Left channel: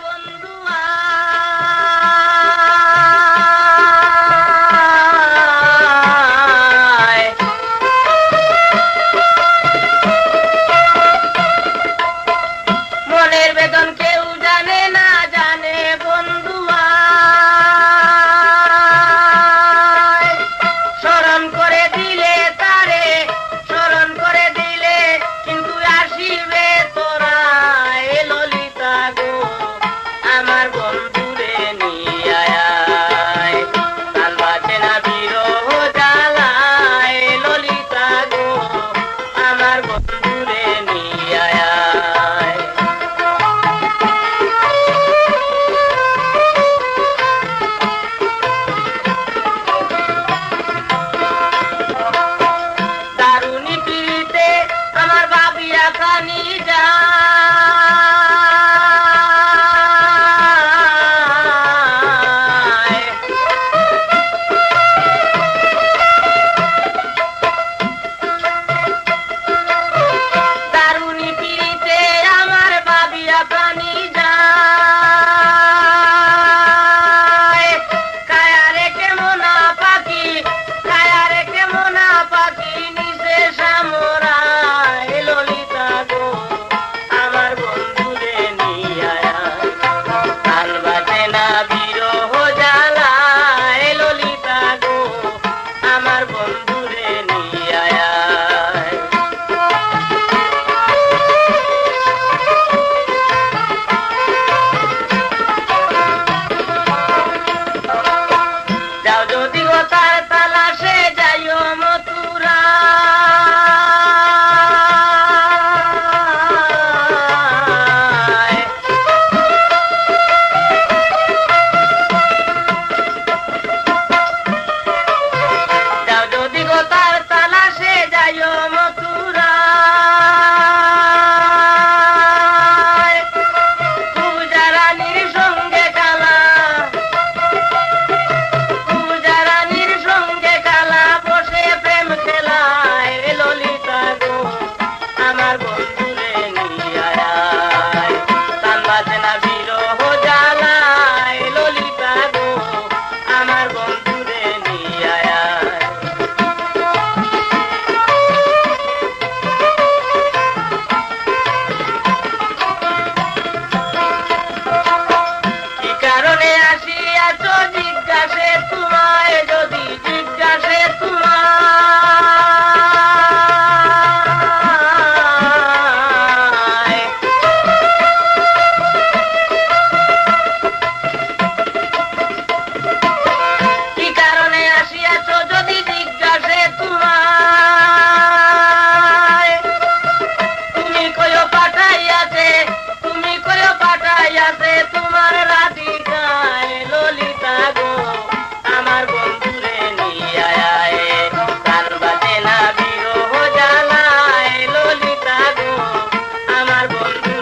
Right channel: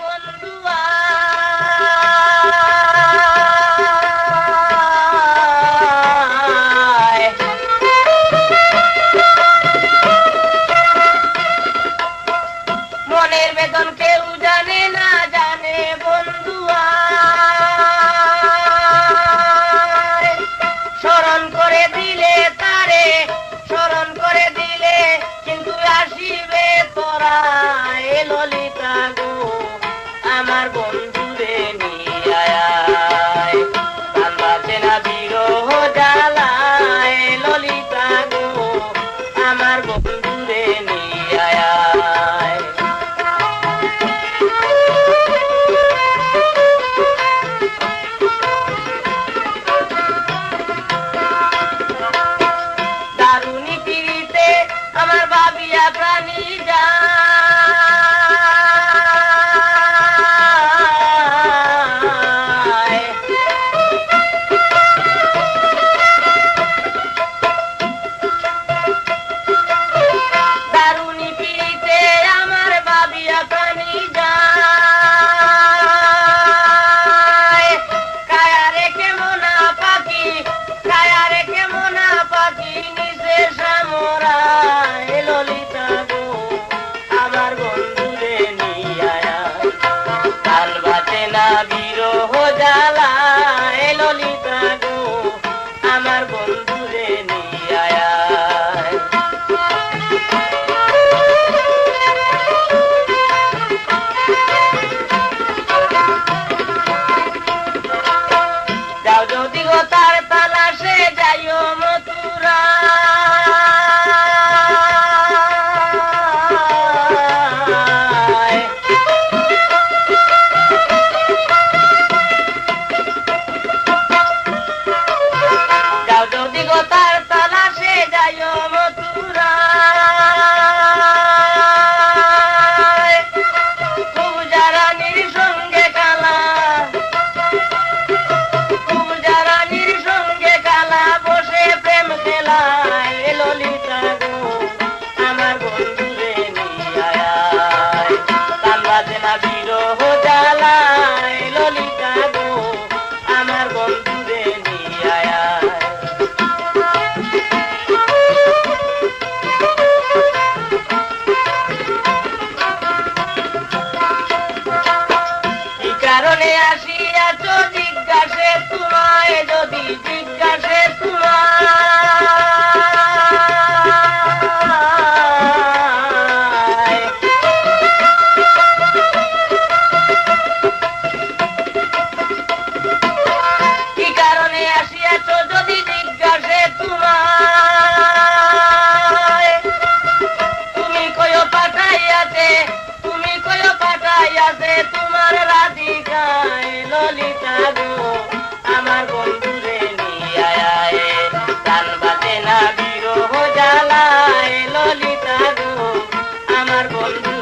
বন্ধু মনের বেদন কেউ জানে না, জানে বন্ধু স্মরণ করে দিলে তারে, স্মরণ করে দিলে কিন্তু আসিবে তোরা। এ ললিতা গো আমার বন্ধুরে নিয়ে আয়, প্রাণ বাঁচে না বিরহ জ্বালায়। ললিতা গো আমার বন্ধুরে নিয়ে আয়। দারুণী পিড়িতে আমার বাবিয়া প্রাণী যায়। দারুণী পিড়িতে আমার বাবিয়া প্রাণী যায়। কায়া রেখে মোনা পাখি, কায়া রেখে মোনা পাখি নিচে সামরায়। ললিতা গো আমার বন্ধুরে নিয়ে আয়, কাল বাঁচে না বিরহ জ্বালায়। ললিতা গো আমার বন্ধুরে নিয়ে আয়। যাও যদি গো তার তালাশে যাইও মথুরা। যাও যদি গো তার তালাশে যাইও মথুরা। পূজা রানীর সঙ্গে কালা, পূজা রানীর সঙ্গে কালা বসে প্রেম খেলায়। ললিতা গো আমার বন্ধুরে নিয়ে আয়, প্রাণ বাঁচে না বিরহ জ্বালায়। ললিতা গো আমার বন্ধুরে নিয়ে আয়। কি কারণে আসিয়াছ জিজ্ঞাসে তোমায়, যদি জিজ্ঞাসে তোমায়। কি কারণে আসিয়াছ যদি জিজ্ঞাসে তোমায়। তুমি কয়ো পাঠাইয়াছে, তুমি কয়ো পাঠাইয়াছে তোমার রাধিকায়। ললিতা গো আমার বন্ধুরে নিয়ে আয়, প্রাণ বাঁচে না বিরহ জ্বালায়। ললিতা গো আমার বন্ধু